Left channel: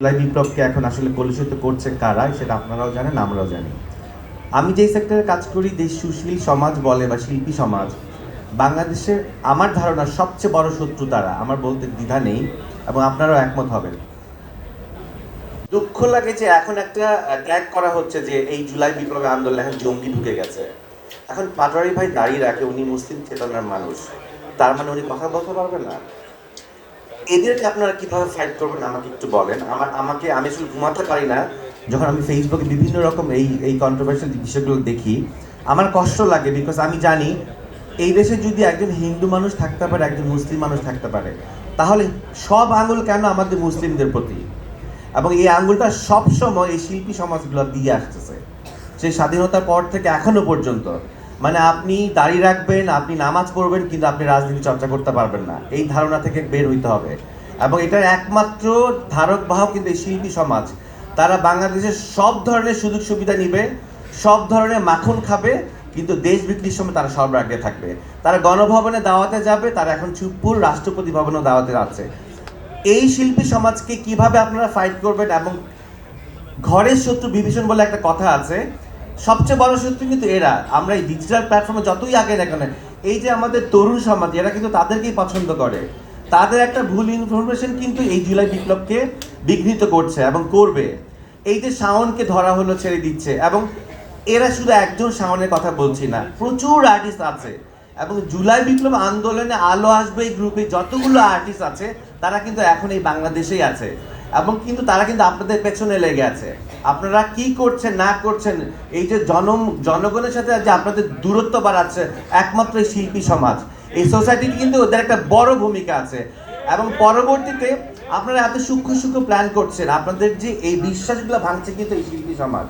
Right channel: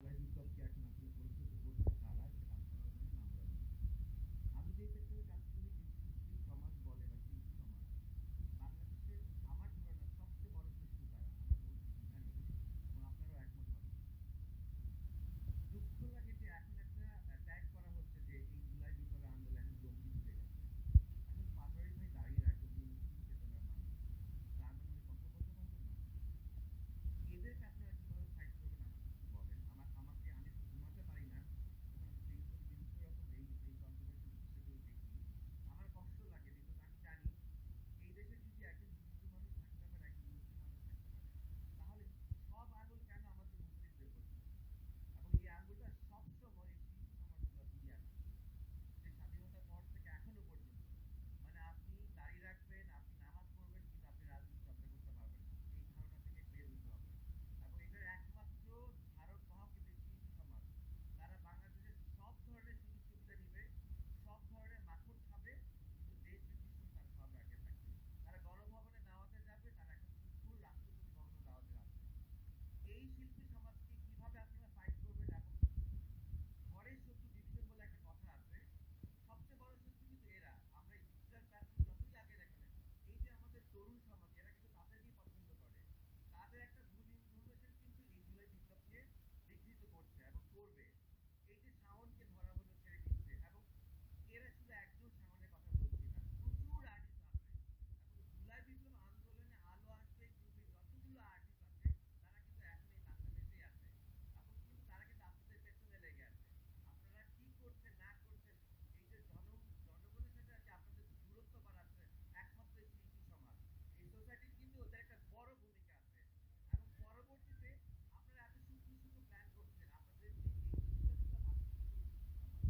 জুলাই বিপ্লবকে এখন আসলে কলুষিত করছে কারা সেটা আপনারাও জানেন, আমরাও জানি। আমি যেই সেক্টরে কাজ করি, দেশ সুশীল সমাজ বলে বা শিল্পী সমাজ, বাংলাদেশের আমার ধারণা সবচেয়ে বড় শত্রু তারা, আমার বলতে দ্বিধা নেই এবং আপনারাও একমত হবেন। দুঃখ লাগে যে এখন একটা ট্যাগ করা হচ্ছে যে এই জুলাই বিপ্লবের আন্দোলনে এখন জঙ্গি ঢুকে গেছে। এখন পাটোয়ারি ভাই দাঁড়িয়ে রাখে, উনি মুসলিম চেতনার মানুষ, তার মানে উনি কথা বলতে পারবেন না? এদেরকে আপনারা কিভাবে ফাইট করবেন আমাকে একটু বলেন। আমি আসলে ঘুমাতে পারি না যখন আমি ফেসবুকে বিভিন্ন রকম এই কন্ট্রোভার্সিয়াল বিষয়গুলো দেখি। আমার কষ্ট লাগে, বিকজ আমি জানি এই দেশে যদি একজন হিন্দু মানুষ থাকতে পারে, একজন মুসলিম মানুষ থাকতে পারে, তাহলে সব আঙুল কেন আমাদের মুসলিমদের প্রতি? এবং এই আঙুলটা সবসময় এই শিল্পী সমাজগুলো দিয়ে আসতেছে, সেই স্বাধীনতার পর থেকে এখনো পর্যন্ত। মানে আপনি দাড়ি রাখবেন, আপনি নামাজ পড়বেন, কিন্তু আপনি রাজনীতি চর্চা করতে পারবেন না, এই ধারণা থেকে বের হইতে হবে। এবং এটার একমাত্র ধারক বাহক কিন্তু এই শিল্পী সমাজ। তারা বাংলাদেশের সব ধরনের সুযোগ সুবিধা নিবে, সব ধরনের মাখন খাবে, কিন্তু দেশ বিক্রির সময় তারা সর্ব আগে থাকবে। তারা গণভবনে দাওয়াতে যাবে, তারা এখন চুপপুর রাষ্ট্রপতি ভবনে দাওয়াতে আছে। এই শিল্পী সমাজকে কিভাবে আপনারা ফাইট করবেন? এবং ঘরের শত্রু বিভীষণ বলে একটা কথা আছে, সবচেয়ে বড় শত্রু কিন্তু এরা। আমরা এই ডিজিটাল প্ল্যাটফর্মে যতই আগে না কেন, এই যে আমাদের তরুণ সমাজ, এরা কিন্তু তাদেরকেই পছন্দ করে। তাদের একটা ভুল ইনফরমেশন কিন্তু এই জুলাই বিপ্লবকে বিঘ্নিত করছে এবং করবে। এই যে শাওনকে ধরা হলো, ছেড়ে দিচ্ছে, এবং এরা শুধু একজন শাওনের কথা বলছি না, প্রচুর আর্টিস্ট আছে। এবং জুলাই বিপ্লব আন্দোলনে আলো আসবে এই গ্রুপে যতগুলো আর্টিস্ট আছে, তারা কিন্তু এখন এই বাংলাদেশেই আছে। এবং কিন্তু তারা কিন্তু আপনাদের পেছনে লেগে আছে। আপনারা কি করছেন না করছেন, এই যে জনগণের সাথে যে আপনাদের দূরত্ব বাড়াচ্ছে একমাত্র এই শিল্পী সমাজ, এই সোসাইটিতে কিন্তু ওদের একটা বড় ভূমিকা আছে। এবং পরবর্তীতে আপনারা এত সূক্ষ্ম সূক্ষ্ম প্ল্যান করছেন, আপনাদের যে এই বিশ্বাসগুলো ভাঙছে কিন্তু এই শিল্পী সমাজ।